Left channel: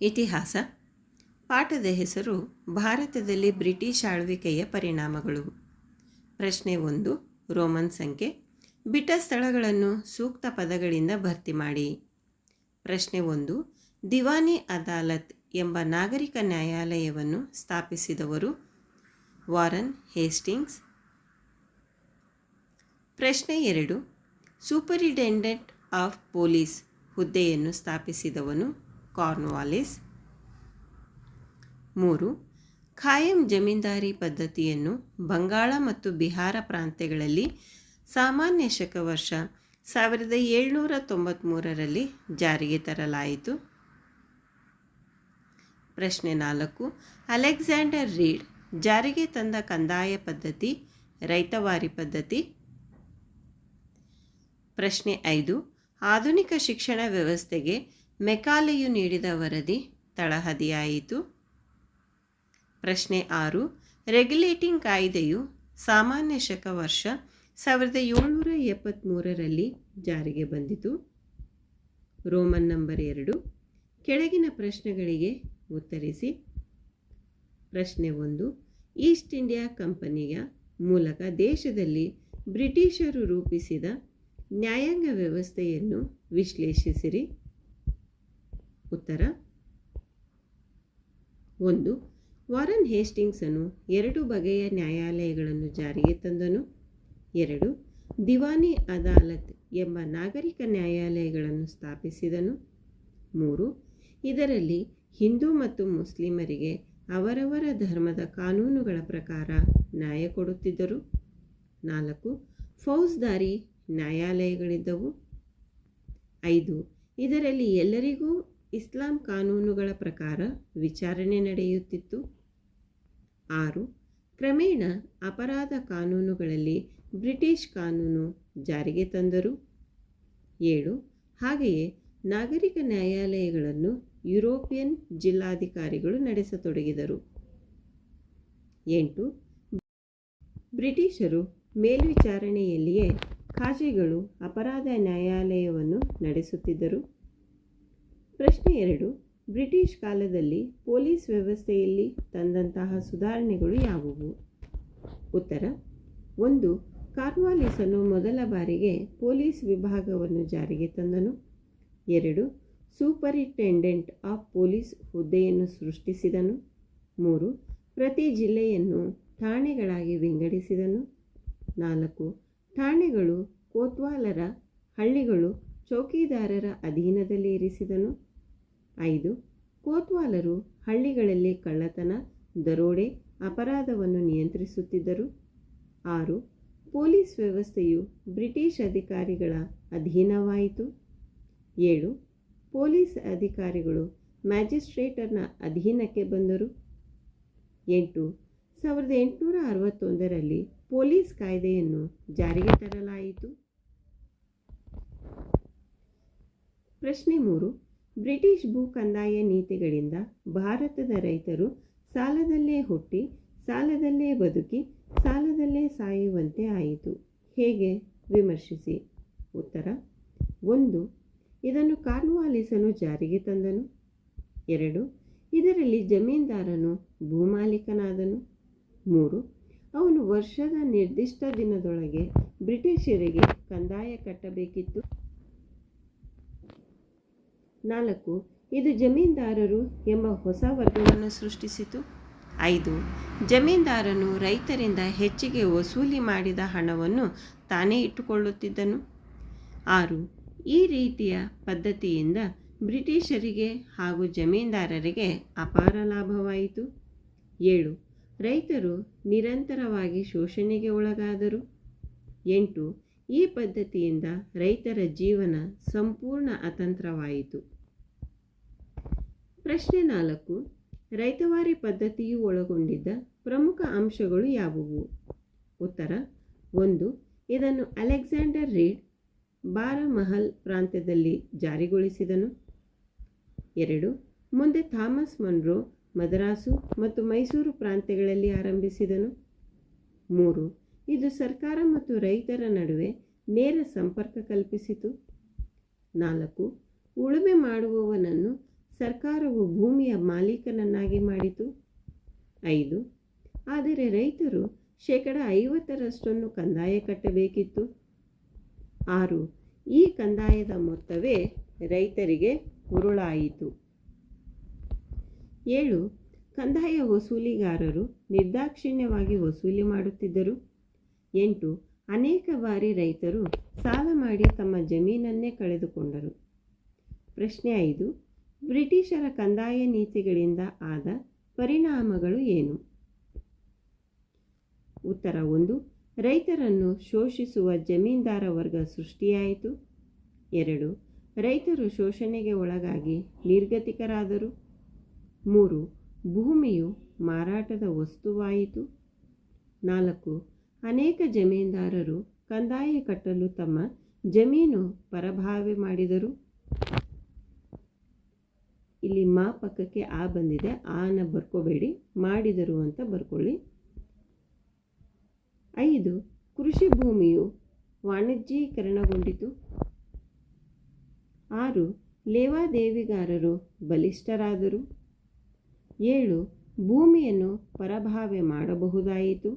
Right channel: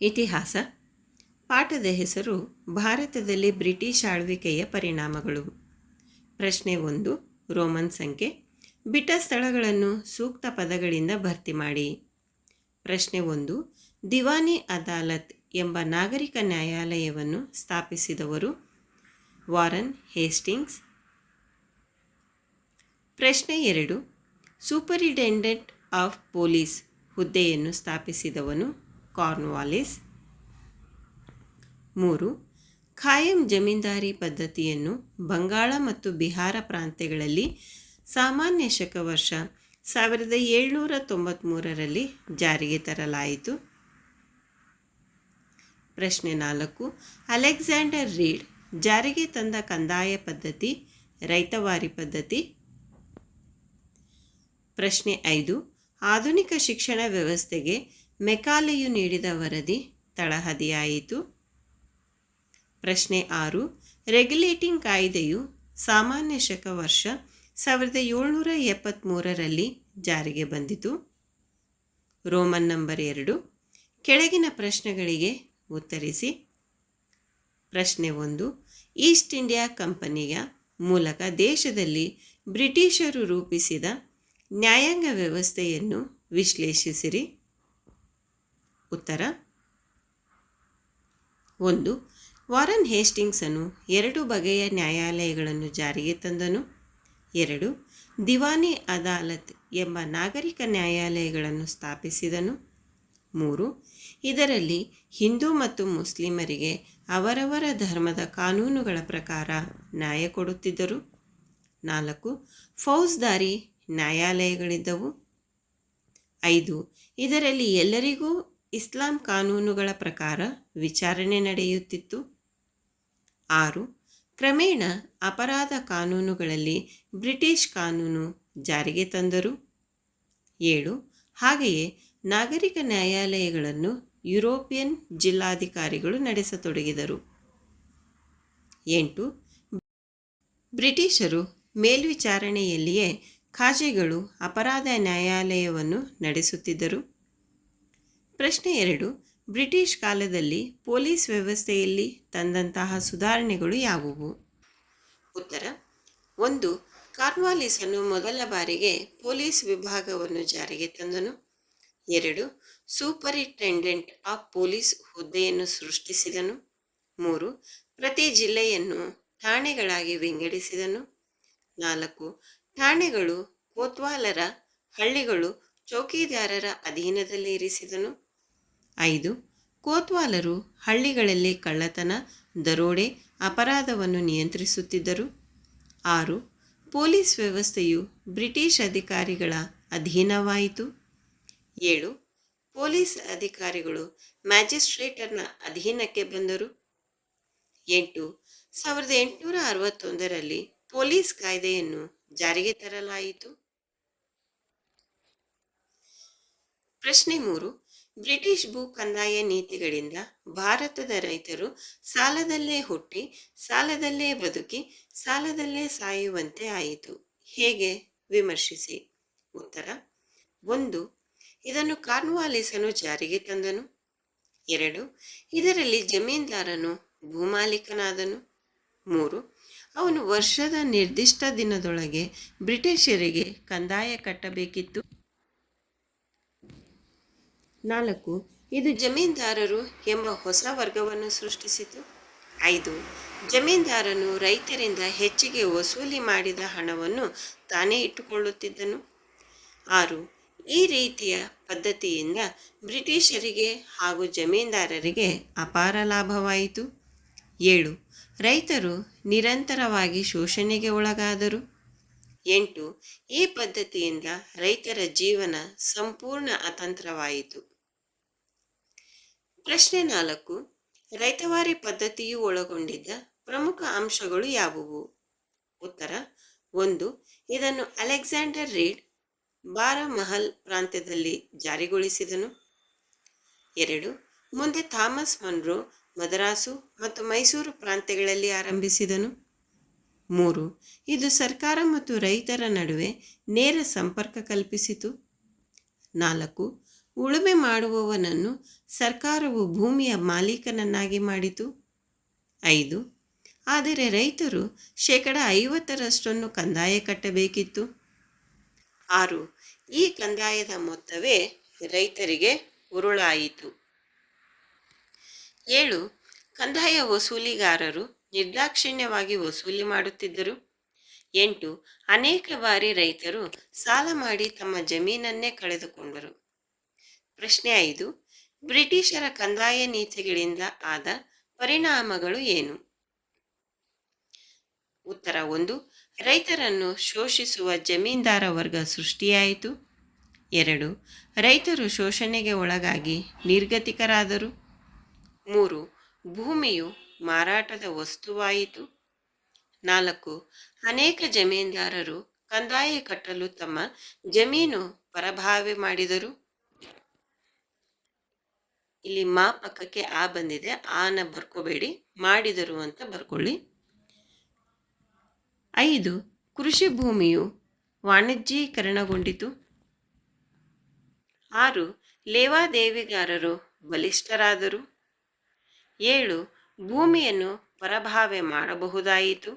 ಇತಿಹಾಸ. ಪಾಠದ ಹೆಸರು ಭಾರತದಲ್ಲಿ ಬ್ರಿಟಿಷ್ ಆಳ್ವಿಕೆಯ ಪರಿಣಾಮಗಳು. ಪ್ರಶ್ನೆ 1. ರೋಮನ್ ಸಂಖ್ಯೆ. ಬಿಟ್ಟ ಸ್ಥಳಗಳನ್ನು ಸೂಕ್ತ ಪದಗಳಿಂದ ಭರ್ತಿ ಮಾಡಿ. ಪ್ರಶ್ನೆ 1. ದಿವಾನಿ ಅದಾಲತ್ ಎಂಬ ನಾಗರಿಕ ನ್ಯಾಯಾಲಯವನ್ನು ಸ್ಥಾಪಿಸಿದವರು ವಾರನ್ ಹೇಸ್ಟಿಂಗ್ಸ್. ಪ್ರಶ್ನೆ 2. ಸೂಪರಿಂಟೆಂಡೆಂಟ್ ಆಫ್ ಪೊಲೀಸ್ ಹುದ್ದೆಯನ್ನು ಸ್ಥಾಪಿಸಿದವನು ಕಾರ್ನ್ವಾಲಿಸ್. 3. ಖಾಯಂ ಜಮೀನ್ದಾರಿ ಪದ್ಧತಿಯನ್ನು ಬಂಗಾಳ ಮತ್ತು ಬಿಹಾರ ಪ್ರಾಂತ್ಯಗಳಲ್ಲಿ ಸಾಮಾನ್ಯ ಶಕ ವರ್ಷ 1793ರಲ್ಲಿ ಜಾರಿಗೆ ತರಲಾಯಿತು. ಪ್ರಶ್ನೆ 4. ಅಲೆಕ್ಸಾಂಡರ್ ರೀಡ್ ಜಾರಿಗೆ ತಂದ ಕಂದಾಯ ಪದ್ಧತಿ ರೈತವಾರಿ ಪದ್ಧತಿ. ಪ್ರಶ್ನೆ 5. ಆಧುನಿಕ ಶಿಕ್ಷಣ ವ್ಯವಸ್ಥೆಗೆ ಮೆಕಾಲೆಯು ನೀಡಿದ ವರದಿ ತಳಹದಿಯಾಯಿತು. ಪ್ರಶ್ನೆ 6. ರೆಗ್ಯುಲೇಟಿಂಗ್ ಕಾಯ್ದೆಯು ಸಾಮಾನ್ಯ ಶಕ ವರ್ಷ 1773ರಲ್ಲಿ ಜಾರಿಗೆ ಬಂದಿತು. Roman number 2. ಕೆಳಗಿನ ಪ್ರಶ್ನೆಗಳಿಗೆ ಉತ್ತರಿಸಿ. ಪ್ರಶ್ನೆ 1. ಈಸ್ಟ್ ಇಂಡಿಯಾ ಕಂಪನಿಯ ಮೂಲಕ ದೇಶದಲ್ಲಿ ಬ್ರಿಟಿಷರು ರೂಪಿಸಿದ ನ್ಯಾಯಾಂಗ ವ್ಯವಸ್ಥೆಯನ್ನು ವಿಶ್ಲೇಷಿಸಿರಿ. ಉತ್ತರ. 1. ವಾರನ್ ಹೇಸ್ಟಿಂಗ್ಸನು 2 ಬಗೆಯ ನ್ಯಾಯಾಲಯಗಳನ್ನು ಜಾರಿಗೆ ತಂದನು. 2. ದಿವಾನಿ ಅದಾಲತ್ ಎಂಬ ನಾಗರಿಕ ನ್ಯಾಯಾಲಯಗಳನ್ನು ಸ್ಥಾಪಿಸಿದನು. 3. ಇದರಲ್ಲಿ ಹಿಂದೂ ಮತ್ತು ಮುಸ್ಲಿಮರಿಗೆ ಅವರವರ ಧರ್ಮದ ಕಾನೂನುಗಳ ಪ್ರಕಾರ ನ್ಯಾಯ ಕೊಡುತ್ತಿದ್ದರು. 4. ಫೌಜ್ದಾರಿ ನ್ಯಾಯಾಲಯಗಳಿದ್ದವು. 5. ಇದರಲ್ಲಿ ಎಲ್ಲರಿಗೂ ಇಸ್ಲಾಂ ಕಾನೂನುಗಳ ಪ್ರಕಾರ ವಿಚಾರಣೆ ನಡೆಯುತ್ತಿತ್ತು. 6. ಕ್ರಮೇಣ ಅಪರಾಧ ಕಾನೂನುಗಳಲ್ಲಿ ಬ್ರಿಟಿಷ್ ಕಾನೂನು ಜಾರಿಗೆ ತಂದರು. 7. ಹಾಗೆಯೇ ನಾಗರಿಕ ನ್ಯಾಯಾಲಯಗಳನ್ನು ಯುರೋಪಿಯನ್ ಜಿಲ್ಲಾಧಿಕಾರಿಗಳು ನಡೆಸತೊಡಗಿದರು. 8. ಬ್ರಿಟಿಷರು ಮೇಲ್ವಿಚಾರಣೆಯಲ್ಲಿಯೇ ಖಾಜಿಗಳು ಅಪರಾಧ ನ್ಯಾಯಾಲಯವನ್ನು ನಡೆಸುತ್ತಿದ್ದರು. ಪ್ರಶ್ನೆ 2. ಬ್ರಿಟಿಷ್ ಕಾಲದಲ್ಲಿ ಪೊಲೀಸ್ ವ್ಯವಸ್ಥೆಯಲ್ಲಿ ತಂದಂತಹ ಸುಧಾರಣೆಗಳು ಯಾವುವು? ಉತ್ತರ. 1. ಕಾರ್ನ್ವಾಲಿಸನು ಮೊದಲ ಬಾರಿಗೆ ಪೊಲೀಸ್ ವಿಭಾಗವನ್ನು ಜಾರಿಗೆ ತಂದನು. 2. ಸೂಪರಿಂಟೆಂಡೆಂಟ್ ಆಫ್ ಪೊಲೀಸ್ ಹುದ್ದೆಯನ್ನು ಸೃಷ್ಟಿಸಿದನು. 3. ಪ್ರತಿ ಜಿಲ್ಲೆಯನ್ನು ಠಾಣೆಗಳಾಗಿ ವಿಂಗಡಿಸಿದನು. 4. ಠಾಣೆಗಳು ಕೋತ್ವಾಲರ, ಹಳ್ಳಿಗಳು ಚೌಕಿದಾರರ ಅಧೀನದಲ್ಲಿ ಇರಿಸಿದನು. 5. ಕೋತ್ವಾಲರು ಹಳ್ಳಿಗಳಲ್ಲಿ ಕಳ್ಳತನ, ದರೋಡೆ, ಅಪರಾಧವನ್ನು ನಿಯಂತ್ರಿಸುತ್ತಿದ್ದರು. 6. ಪೊಲೀಸ್ ವ್ಯವಸ್ಥೆಯು ಬ್ರಿಟಿಷ್ ಅಧಿಕಾರಿಗಳ ಅಧೀನವಾಯಿತು. 7. ಪೊಲೀಸ್ ಅಧಿಕಾರಿಗಳು ಮ್ಯಾಜಿಸ್ಟ್ರೇಟರ್ನ ಅಧೀನಕ್ಕೆ ಬಂದರು. 8. 1861ರಲ್ಲಿ ಪೊಲೀಸ್ ಕಾಯ್ದೆಯನ್ನು ಜಾರಿಗೆ ತರಲಾಯಿತು. ಪ್ರಶ್ನೆ 3. ಬ್ರಿಟಿಷ್ ಭೂ ಕಂದಾಯ ನೀತಿಗಳಿಂದ ಭಾರತದ ರೈತರು ಸಾಲದಲ್ಲೇ ಹುಟ್ಟಿ, ಸಾಲದಲ್ಲೇ ಬದುಕಿ, ಸಾಲದಲ್ಲೇ ಸಾಯುವಂತೆ ಆಯಿತು. ಹೇಗೆ? ವಿಮರ್ಶಿಸಿ. ಉತ್ತರ. 1. ಇದನ್ನು ಕಾರ್ನ್ವಾಲಿಸನು ಜಾರಿಗೆ ತಂದನು. 2. ಇದರಲ್ಲಿ ಜಮೀನ್ದಾರನು ಭೂಮಾಲೀಕನಾದನು. 3. ಅವನು ವರ್ಷದ ನಿರ್ದಿಷ್ಟ ದಿನದೊಳಗೆ ಬ್ರಿಟಿಷರಿಗೆ ಕಂದಾಯ ಕಟ್ಟಬೇಕಿತ್ತು. 4. ಇದು ಜಮೀನ್ದಾರರು ಎಂಬ ಹೊಸ ವರ್ಗವನ್ನು ಸೃಷ್ಟಿಸಿತು. 5. ಜಮೀನ್ದಾರನು ರೈತರಿಂದ ಹೆಚ್ಚಿಗೆ ವಸೂಲಿ ಮಾಡಿದ ಹಣವನ್ನು ತಾನೇ ಇಟ್ಟುಕೊಳ್ಳುತ್ತಿದ್ದನು. 6. ಈ ರೀತಿಯ ಪದ್ಧತಿಯಿಂದ ಬ್ರಿಟಿಷರಿಗೆ ಹಾಗೂ ಜಮೀನ್ದಾರರಿಗೆ ಅಪಾರ ಲಾಭವಾಯಿತು. 7. ರೈತರು ನಿರಂತರವಾಗಿ ಶೋಷಣೆಗೆ ಒಳಗಾದರು. 8. ಈ ಪದ್ಧತಿಯಿಂದ ರೈತರ ಜೀವನ ಸಂಪೂರ್ಣ ಅತಂತ್ರವಾಯಿತು. ಪ್ರಶ್ನೆ 4. ರೈತವಾರಿ ಪದ್ಧತಿಯು ಒಳಗೊಂಡಿದ್ದ ಪ್ರಮುಖ ಅಂಶಗಳು ಯಾವುವು? ಉತ್ತರ. 1. ಇದನ್ನು ಅಲೆಕ್ಸಾಂಡರ್ ರೀಡ್ ಬಾರಮಹಲ್ ಪ್ರಾಂತ್ಯದಲ್ಲಿ ಜಾರಿಗೊಳಿಸಿದನು. 2. ಮುಂದೆ ಥಾಮಸ್ ಮನ್ರೋ ಮದ್ರಾಸು ಮತ್ತು ಮೈಸೂರು ಪ್ರಾಂತ್ಯಗಳಲ್ಲಿ ಆರಂಭಿಸಿದನು. 3. ಇದು ಸರ್ಕಾರ ಮತ್ತು ರೈತರ ನಡುವೆ ನೇರ ಸಂಪರ್ಕ ಕಲ್ಪಿಸಿತು. 4. ಉಳುಮೆ ಮಾಡುವವನನ್ನು ಸರ್ಕಾರವು ಭೂಮಿಯ ಮಾಲೀಕನನ್ನಾಗಿ ಮಾಡಿತು. 5. ಆದರೆ ರೈತರು 50% ಕಂದಾಯ ಕಟ್ಟಬೇಕಿತ್ತು. 6. ಈ ಕಂದಾಯದ ಮೊತ್ತವೇ ರೈತರಿಗೆ ಉರುಳಾಯಿತು. 7. ಕಂದಾಯ ವಸೂಲಿಗಾರರು ನಿರ್ದಾಕ್ಷಿಣ್ಯವಾಗಿ ವಸೂಲಿ ಮಾಡುತ್ತಿದ್ದರು. 8. ಅನೇಕ ಬಾರಿ ರೈತರು ಸಾಲ ಮಾಡಿ ತಮ್ಮ ಜಮೀನನ್ನೇ ಕಳೆದುಕೊಂಡರು. ಪ್ರಶ್ನೆ 5. ಬ್ರಿಟಿಷರ ಕಂದಾಯ ನೀತಿಗಳಿಂದ ಆದ ಪರಿಣಾಮಗಳು ಏನು? ಉತ್ತರ 1. ರೈತರನ್ನು ಶೋಷಿಸುವ ಜಮೀನ್ದಾರ ವರ್ಗ ಸೃಷ್ಟಿಯಾಯಿತು. 2. ರೈತರು ಶೋಷಣೆಗೆ ಒಳಗಾಗಿ ನಿರ್ಗತಿಕರಾದರು. 3. ಭೂಮಿಯು ಮಾರಾಟದ ವಸ್ತುವಾಯಿತು. 4. ಅನೇಕ ಜಮೀನ್ದಾರರು ಕಂದಾಯ ಕಟ್ಟಲು ತಮ್ಮ ಜಮೀನು ಪರಭಾವೆ ಮಾಡಿದರು. ಇಲ್ಲಿ ಮಾ ಪಕ್ಕಕ್ಕೆ ಆ ಬಂದಿದೆ, ಆನ ಬರ್ಕೋಬೇಡಿ, ಮಾಡಿದರು ಅಂತ ಬರ್ಕೊಳ್ಳಿ. 5. ಕೃಷಿ ಭೂಮಿಯು ವಾಣಿಜ್ಯೀಕರಣಗೊಂಡಿತು. 6. ಲೇವಾದೇವಿಗಾರರು ಬಲಿಷ್ಠರಾದರು. 7. ಭೂಮಿಯನ್ನು ಪರಭಾವೆ ಮಾಡಬಹುದಾಯಿತು.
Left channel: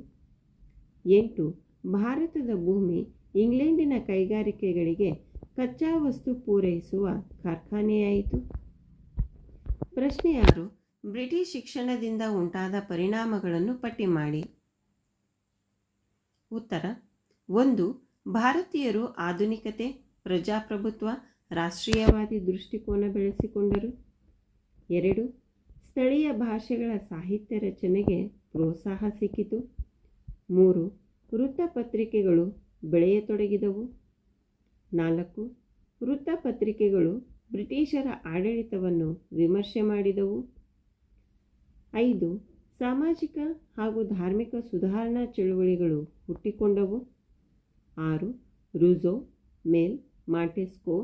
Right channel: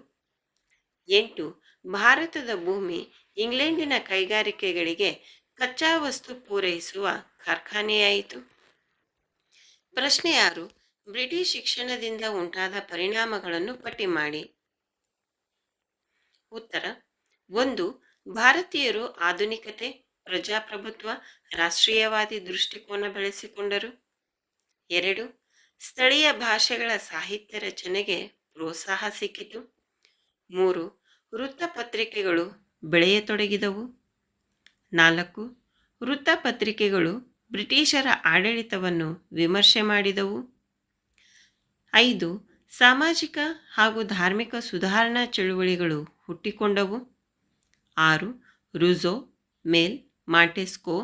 8. ಭಾರತದ ಭೂಮಿ ಇಂಗ್ಲೆಂಡಿನ ಕೈಗಾರಿಕೆಗಳಿಗೆ ಕಚ್ಚಾ ವಸ್ತು ಪೂರೈಸುವ ಕಾರ್ಖಾನೆಯಾಯಿತು. ಪ್ರಶ್ನೆ 6. ಬ್ರಿಟಿಷ್ ಶಿಕ್ಷಣದಿಂದ ಉಂಟಾದ ಪರಿಣಾಮಗಳನ್ನು ಪಟ್ಟಿ ಮಾಡಿ. ಉತ್ತರ 1. ಭಾರತೀಯರು ಆಧುನಿಕತೆ, ಪ್ರಜಾಪ್ರಭುತ್ವ, ರಾಷ್ಟ್ರೀಯವಾದಿ ದೃಷ್ಟಿಕೋನ ಬೆಳೆಸಿಕೊಂಡರು. 2. ಸ್ಥಳೀಯ ಭಾಷೆಗಳ ಸಾಹಿತ್ಯ ರಚನೆಗೆ ಪ್ರೋತ್ಸಾಹ ಸಿಕ್ಕಿತು. 3. ವೃತ್ತಪತ್ರಿಕೆಗಳು ಬೆಳೆಯತೊಡಗಿದವು. 4. ವೃತ್ತಪತ್ರಿಕೆಗಳು ಬ್ರಿಟಿಷರ ಆಡಳಿತವನ್ನು ವಿಮರ್ಶೆ ಮಾಡಿದವು. 5. ಸಾಮಾಜಿಕ ಹಾಗೂ ಧಾರ್ಮಿಕ ಸುಧಾರಣಾ ಚಳುವಳಿಗಳು ಹುಟ್ಟಿಕೊಂಡವು. 6. ರೂಸೋ, ಮಿಲ್, ಮಾಂಟೆಸ್ಕೋ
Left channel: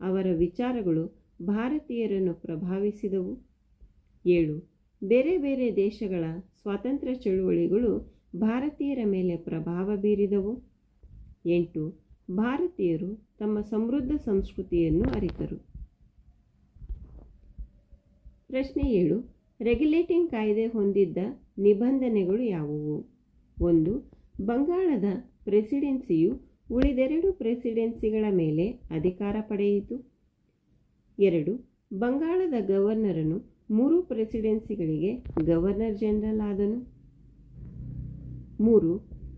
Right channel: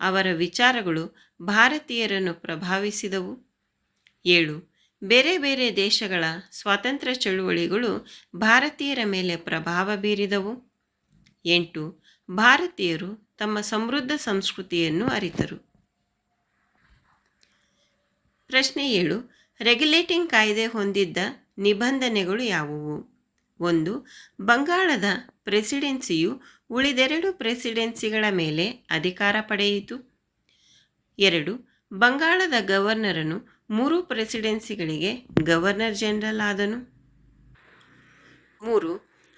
ಅವರ ವಿಚಾರಗಳು ಭಾರತೀಯರನ್ನು ಪ್ರಭಾವಿಸಿದವು. 7. ಬೇರೆ ಬೇರೆ ದೇಶಗಳ ಸ್ವಾತಂತ್ರ್ಯ ಚಳುವಳಿಗಳು ಭಾರತೀಯರ ಮೇಲೆ ಪ್ರಭಾವ ಬೀರಿದವು. 8. ಭಾರತೀಯರು ತಮ್ಮ ಸಮೃದ್ಧ ಸಂಸ್ಕೃತಿಯನ್ನು ಅರಿತರು. ಪ್ರಶ್ನೆ 7. ರೆಗ್ಯುಲೇಟಿಂಗ್ ಕಾಯ್ದೆ ಹೊಂದಿದ್ದ ನಿಬಂಧನೆಗಳು ಯಾವುವು? 1. ಬಂಗಾಳದ ಪ್ರೆಸಿಡೆನ್ಸಿಯು ಉಳಿದೆರಡು ಪ್ರೆಸಿಡೆನ್ಸಿಗಳ ಮೇಲೆ ಅಧಿಕಾರ ಪಡೆಯಿತು. 2. ಬಂಗಾಳದ ಗವರ್ನರನು 3 ಪ್ರೆಸಿಡೆನ್ಸಿಗಳಿಗೆ ಗವರ್ನರ್ ಜನರಲ್ ಆದನು. 3.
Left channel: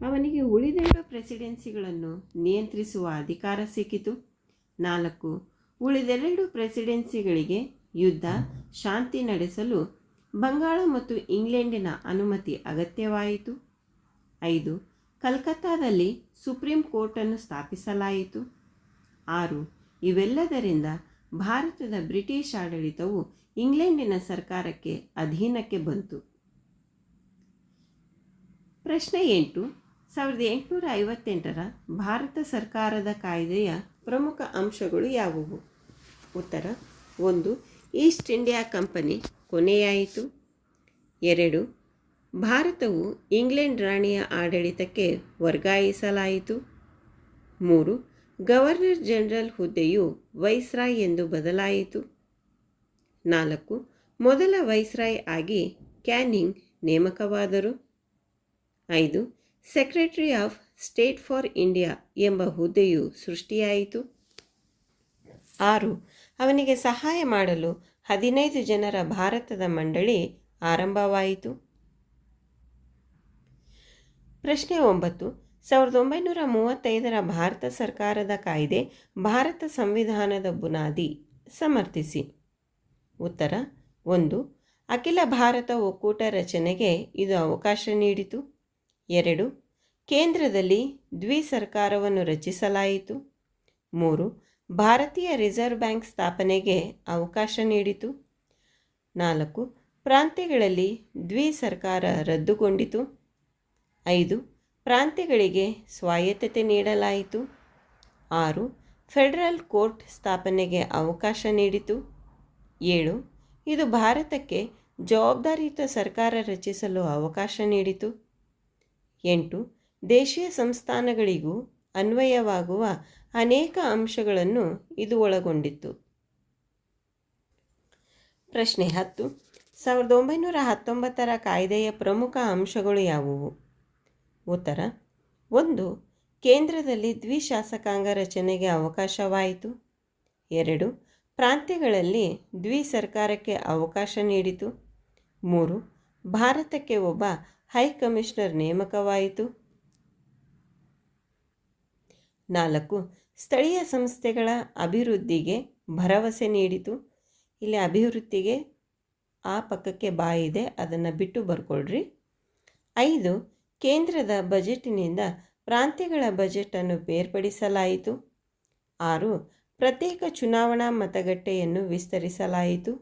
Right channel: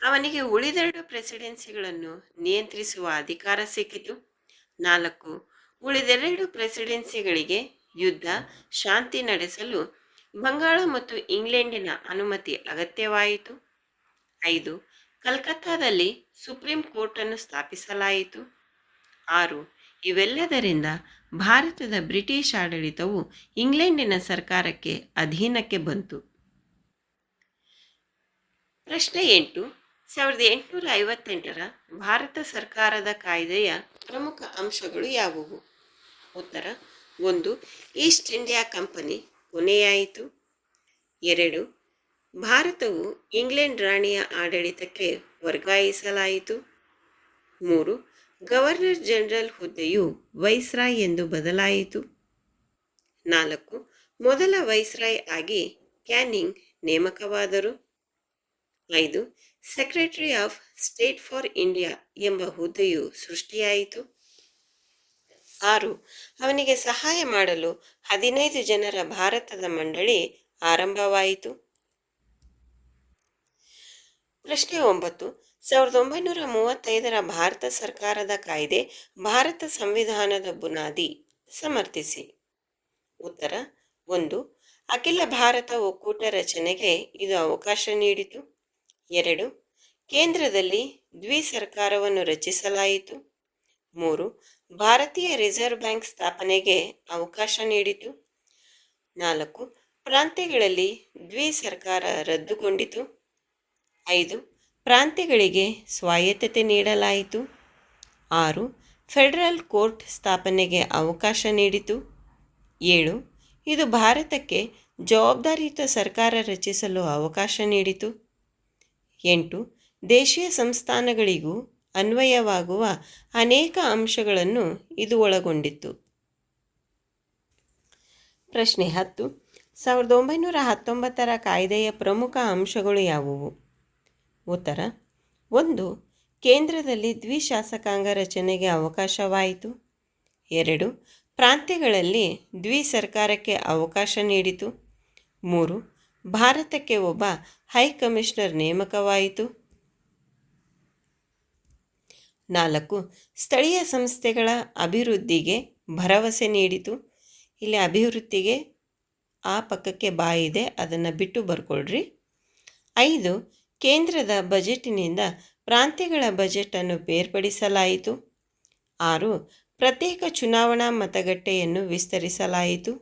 ಅವನಿಗೆ ಉಳಿದೆರಡು ಪ್ರೆಸಿಡೆನ್ಸಿಗಳನ್ನು ನಿಯಂತ್ರಿಸುವ ಅಧಿಕಾರ ಸಿಕ್ಕಿತು. 4. ಉಳಿದೆರಡು ಪ್ರೆಸಿಡೆನ್ಸಿಗಳಿಗೆ ಯುದ್ಧ, ಶಾಂತಿ ನಡೆಸಲು ಬಂಗಾಳ ಮತ್ತು ಇಂಗ್ಲೆಂಡಿನ ಅನುಮತಿ ಅಗತ್ಯವಾಯಿತು. 5. ಕಲ್ಕತ್ತಾದಲ್ಲಿ ಸುಪ್ರೀಂ ಕೋರ್ಟನ್ನು ಸ್ಥಾಪಿಸಲಾಯಿತು. 6. ಇವೆಲ್ಲದರಿಂದ ಭಾರತದ ಬ್ರಿಟಿಷ್ ಆಡಳಿತವು ಇಂಗ್ಲೆಂಡಿನ ಸರ್ಕಾರಕ್ಕೆ ಅಧೀನಕ್ಕೆ ಬಂತು. ಪ್ರಶ್ನೆ 8. 1858ರ ಭಾರತ ಸರ್ಕಾರದ ಕಾಯ್ದೆಯ ಪ್ರಮುಖ ಅಂಶಗಳು ಯಾವುವು? ಉತ್ತರ 1. ಈಸ್ಟ್ ಇಂಡಿಯಾ ಕಂಪನಿ ಕೊನೆಯಾಯಿತು. 2. ಭಾರತವು ಇಂಗ್ಲೆಂಡ್ ರಾಣಿಯ ಆಡಳಿತಕ್ಕೆ ವರ್ಗಾಯಿಸಲಾಯಿತು. 3. ಗವರ್ನರ್ ಜನರಲ್ ಹುದ್ದೆಯು ವೈಸ್ರಾಯ್ ಎಂದು ಬದಲಾಯಿತು. 4. ಮೊದಲ ವೈಸ್ರಾಯ್ ಆಗಿ ಕ್ಯಾನಿಂಗ್ ನೇಮಕವಾದರು. 5. Secretary of state for India ಎಂಬ ಹುದ್ದೆಯು ಸೃಷ್ಟಿಯಾಯಿತು. 6. ಅವನಿಗೆ ಸಹಾಯ ಮಾಡಲು 15 ಜನರ ಭಾರತದ ಮಂಡಳಿ ಆರಂಭವಾಯಿತು. ಪ್ರಶ್ನೆ 9. 1935ರ ಭಾರತ ಸರ್ಕಾರದ ಕಾಯ್ದೆ ಭಾರತ ಸಂವಿಧಾನದ ಬುನಾದಿ. ಸಮರ್ಥಿಸಿ. ಉತ್ತರ 1. ಅಖಿಲ ಭಾರತ ಒಕ್ಕೂಟ ರಚನೆಗೆ ಇದು ಅವಕಾಶ ನೀಡಿತು. 2. ಕೇಂದ್ರದಲ್ಲಿ ದ್ವಿಸರ್ಕಾರವನ್ನು ರಚಿಸಲಾಯಿತು. 3. ಭಾರತೀಯ ರಿಸರ್ವ್ ಬ್ಯಾಂಕ್ ಸ್ಥಾಪನೆಗೆ ಅವಕಾಶ ನೀಡಿತು. 4. ಪ್ರಾಂತ್ಯಗಳಲ್ಲಿ ದ್ವಿಸರ್ಕಾರ ರದ್ದುಗೊಂಡಿತು. 5. ಪ್ರಾಂತ್ಯಗಳಿಗೆ ಸ್ವಾಯತ್ತತೆ ನೀಡಲಾಯಿತು. 6. ಫೆಡರಲ್ ಕೋರ್ಟ್ ಸ್ಥಾಪನೆಗೆ ಅವಕಾಶ ನೀಡಿತು. 7. ಇದು ಭಾರತಕ್ಕೆ ಜವಾಬ್ದಾರಿಯುತ ಸರ್ಕಾರ ರಚಿಸಲು ಅವಕಾಶ ನೀಡಿತು. 8. ದೇಶೀಯ ಸಂಸ್ಥಾನಗಳಿಗೂ ಅನ್ವಯವಾಗುವ ಅನೇಕ ಅಂಶಗಳನ್ನು ಇದು ಒಳಗೊಂಡಿತ್ತು. ಪ್ರಶ್ನೆ 10. 1919ರ ಕಾಯ್ದೆಯ ಪ್ರಮುಖ ಅಂಶಗಳು ಯಾವುವು? ಉತ್ತರ: 1. ಕೇಂದ್ರದಲ್ಲಿ ದ್ವಿಶಾಸಕಾಂಗ ರಚನೆಗೆ ಅವಕಾಶವಾಯಿತು. 2. ಪ್ರಾಂತ್ಯಗಳಲ್ಲಿ ದ್ವಿಸರ್ಕಾರಕ್ಕೆ ಅವಕಾಶ ನೀಡಿತು. 3. ಭಾರತಕ್ಕೆ ಒಬ್ಬ ಹೈಕಮಿಷನರ್ ನೇಮಕವಾಯಿತು. 4. ಸ್ಥಳೀಯ ಸಂಸ್ಥೆಗಳ ಅಭಿವೃದ್ಧಿಗೆ ಭರವಸೆ ನೀಡಿತು. ಇಲ್ಲಿ ಅಭಿವೃದ್ಧಿಗೆ ಆ ಪಕ್ಕಕ್ಕೆ ಬಾಯಿದೆ, ಅದನ್ನು ಬಿಟ್ಟು ಬರ್ಕೊಳ್ರಿ. 5. ಕೇಂದ್ರದ ಬಜೆಟಿನಿಂದ ಪ್ರಾಂತ್ಯಗಳ ಬಜೆಟನ್ನು ಬೇರ್ಪಡಿಸಲಾಯಿತು. 6. ಪ್ರತ್ಯೇಕ ಚುನಾವಣಾ ಮತಗಟ್ಟೆಯನ್ನು ವಿಸ್ತರಿಸಲಾಯಿತು.